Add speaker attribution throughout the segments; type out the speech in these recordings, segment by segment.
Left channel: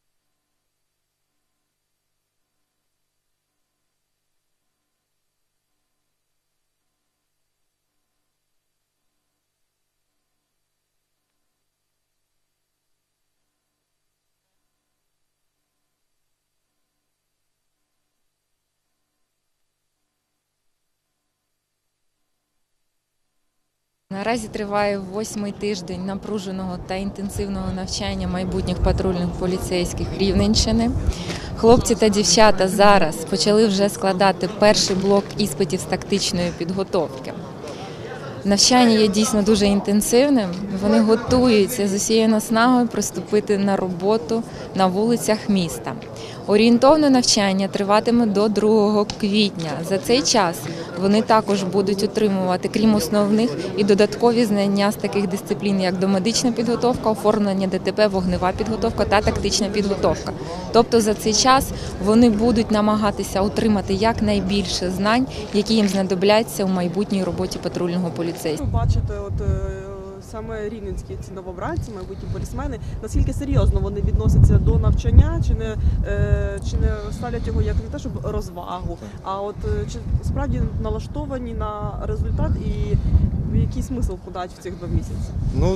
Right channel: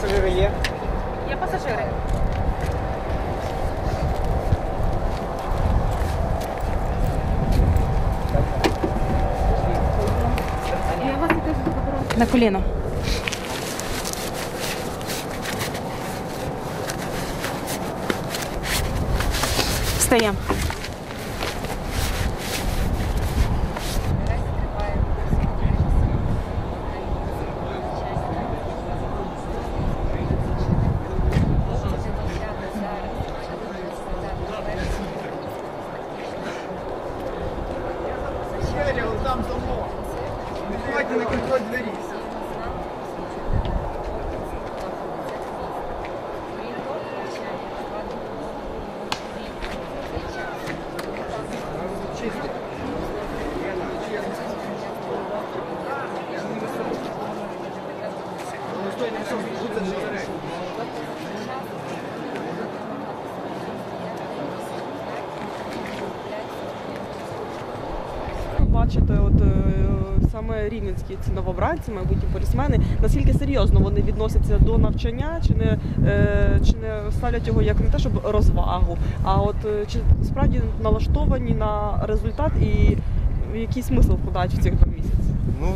Speaker 1: пасажири є?
Speaker 2: Є пасажири. На коліно. Встаємо.
Speaker 3: Наразі триває восьмий тиждень напруженого та інтенсивного навчання майбутніх патрульних поліцейських Рівненщини. Хлопці та дівчата зараз почали вже складати перший блок іспитів з тактичної підготовки. Навчання є дійсно дуже інтенсивним. Вони готуються з усією наснагою приступити на роботу на вулицях міста. Орієнтовне навчання триватиме до 2 квітня. За цей час вони також будуть отримувати, крім основних, і додаткові знання з таких дисциплін, як домедична підготовка, оформлення ДТП, вогнева підготовка та тактична підготовка. Тобто за цей час вони будуть намагатися отримати якнайбільше знань, які їм знадобляться у майбутній роботі патрульного поліцейського.
Speaker 4: Бачите, от е, рівненські ці новобранці, майбутні полісмени, наскільки серйозно вони відносяться до навчання, чи не е, чи не ставлять його як не те, щоб розвагу, а от е, чи справді налаштовані на результат і який смисл вкладають в цих два місяці?
Speaker 5: Ну,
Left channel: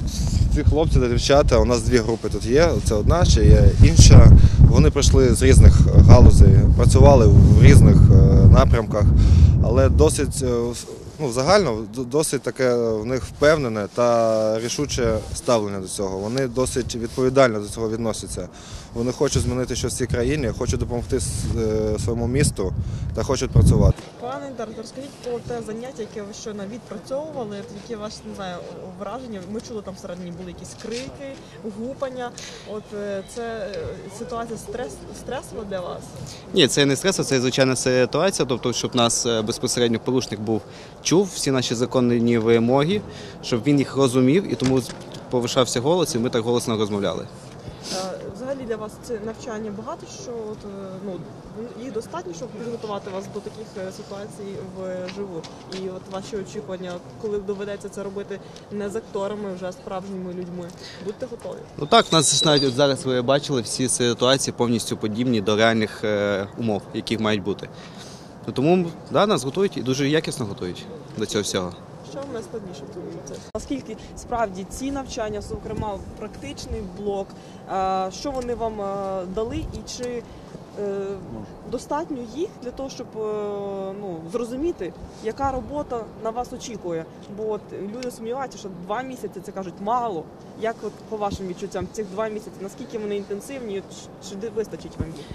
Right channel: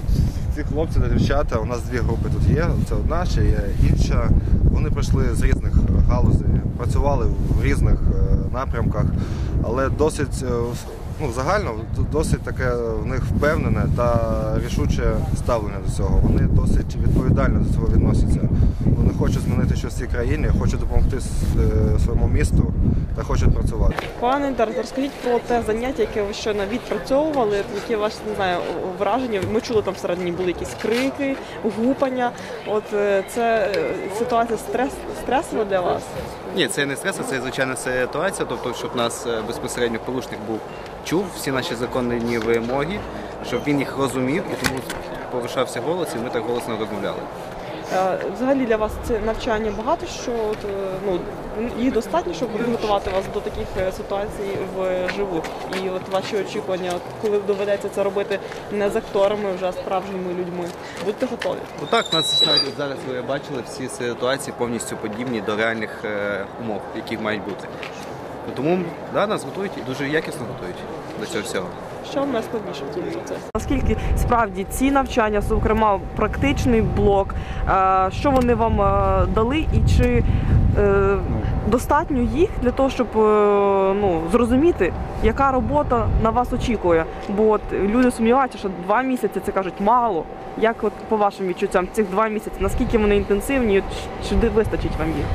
Speaker 5: ці хлопці та дівчата, у нас дві групи тут є. Це одна, ще є інша. Вони прийшли з різних галузей, працювали в різних е, напрямках, але досить ну, загально досить таке в них впевнене та рішуче ставлення до цього. Вони досить відповідально до цього відносяться. Вони хочуть змінити щось в цій країні, хочуть допомогти е, своєму місту та хочуть працювати.
Speaker 4: Пане Тарас, розкажіть про те заняття, яке ви щойно відпрацьовували, які ваші не знаю враження. Ми чули там всередині були якісь крики, гупання. От е, це е, ситуація стрес стресова для вас?
Speaker 6: Ні, це не стрес, це звичайна ситуація. Тобто, щоб нас безпосередньо порушник був чув всі наші законні вимоги, щоб він їх розумів і тому повишався голос, і ми так голосно розмовляли.
Speaker 4: Е, Взагалі для вас це навчання багато що от, е, ну їх достатньо, щоб підготувати вас до таких е, ситуацій вживу. І от ваші очікування, коли доведеться це робити не з акторами, вже а справжніми людьми. Будьте готові.
Speaker 6: Отак, у нас навіть от зараз ви бачили всі ситуації повністю подібні до реальних умов, які мають бути. Тому да, нас готують і дуже якісно готують до цього всього.
Speaker 4: Що в нас найбільше цьому Оскільки Наскільки справді ці навчання, зокрема практичний блок, е, що вони вам е, дали, і чи е, достатньо їх для того, щоб е, ну, зрозуміти, яка робота на вас очікує? Бо от люди сумніваються, що два місяці це кажуть мало. Як от по вашим відчуттям цих два місяці, наскільки вони інтенсивні, чи вистачить вам їх?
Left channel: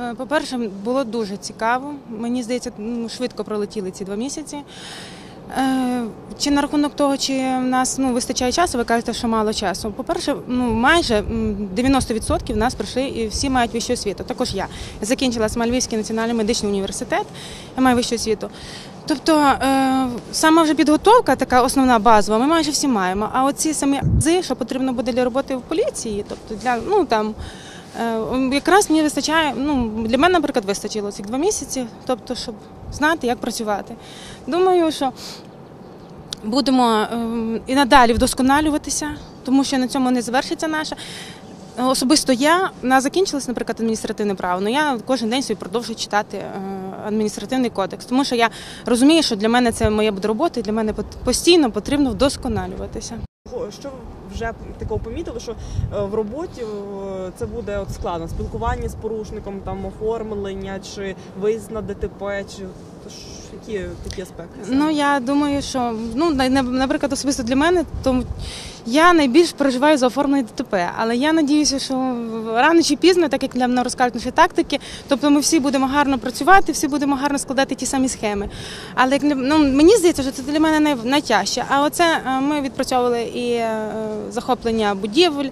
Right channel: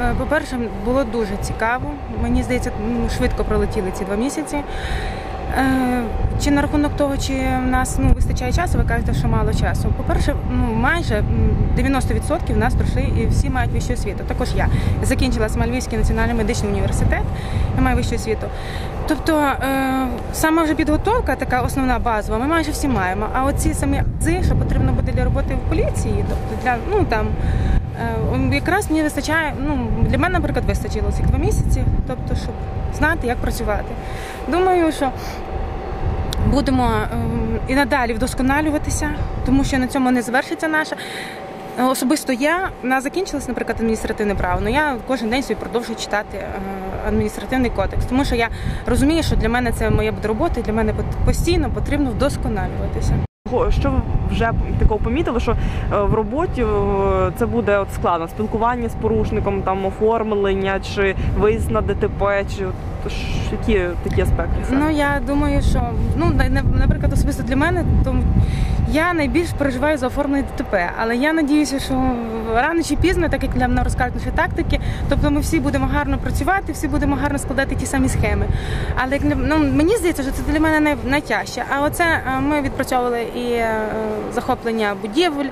Speaker 2: Е, По-перше, було дуже цікаво. Мені здається, швидко пролетіли ці два місяці. Е, Чи на рахунок того, чи в нас ну, вистачає часу, ви кажете, що мало часу. По-перше, ну майже 90% в нас прийшли і всі мають вищу освіту. Також я закінчила Смальвівський національний медичний університет, я маю вищу освіту. Тобто е, саме вже підготовка, така основна базова, ми майже всі маємо. А оці самі ази, що потрібно буде для роботи в поліції, тобто для ну там. Е, Якраз мені вистачає, ну для мене, наприклад, вистачило цих два місяці, тобто, щоб знати, як працювати. Думаю, що будемо ем, і надалі вдосконалюватися, тому що на цьому не завершиться наша. Е, Особисто я в нас закінчилось, наприклад, адміністративне право, але я кожен день собі продовжую читати е, адміністративний кодекс, тому що я розумію, що для мене це моя буде робота, і для мене постійно потрібно вдосконалюватися.
Speaker 4: Що ви вже такого помітили, що е, в роботі е, це буде от складно спілкування з порушником, там оформлення чи виїзд на ДТП, чи от ш- які такі аспекти? саме?
Speaker 2: Ну я думаю, що ну на- на- наприклад, особисто для мене, то я найбільш переживаю за оформлення ДТП. Але я надіюся, що рано чи пізно, так як мене розкажуть наші тактики, тобто ми всі будемо гарно працювати, всі будемо гарно складати ті самі схеми. Але ну, мені здається, що це для мене най- найтяжче. А оце е, ми відпрацьовували і е, захоплення будівель.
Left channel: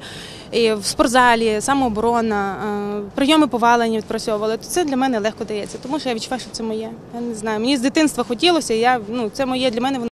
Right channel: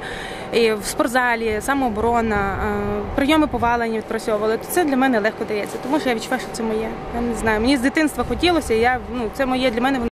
Speaker 2: І в спортзалі, самооборона, е, прийоми повалення відпрацьовували, то це для мене легко дається, тому що я відчуваю, що це моє. Я не знаю. Мені з дитинства хотілося, я ну це моє для мене.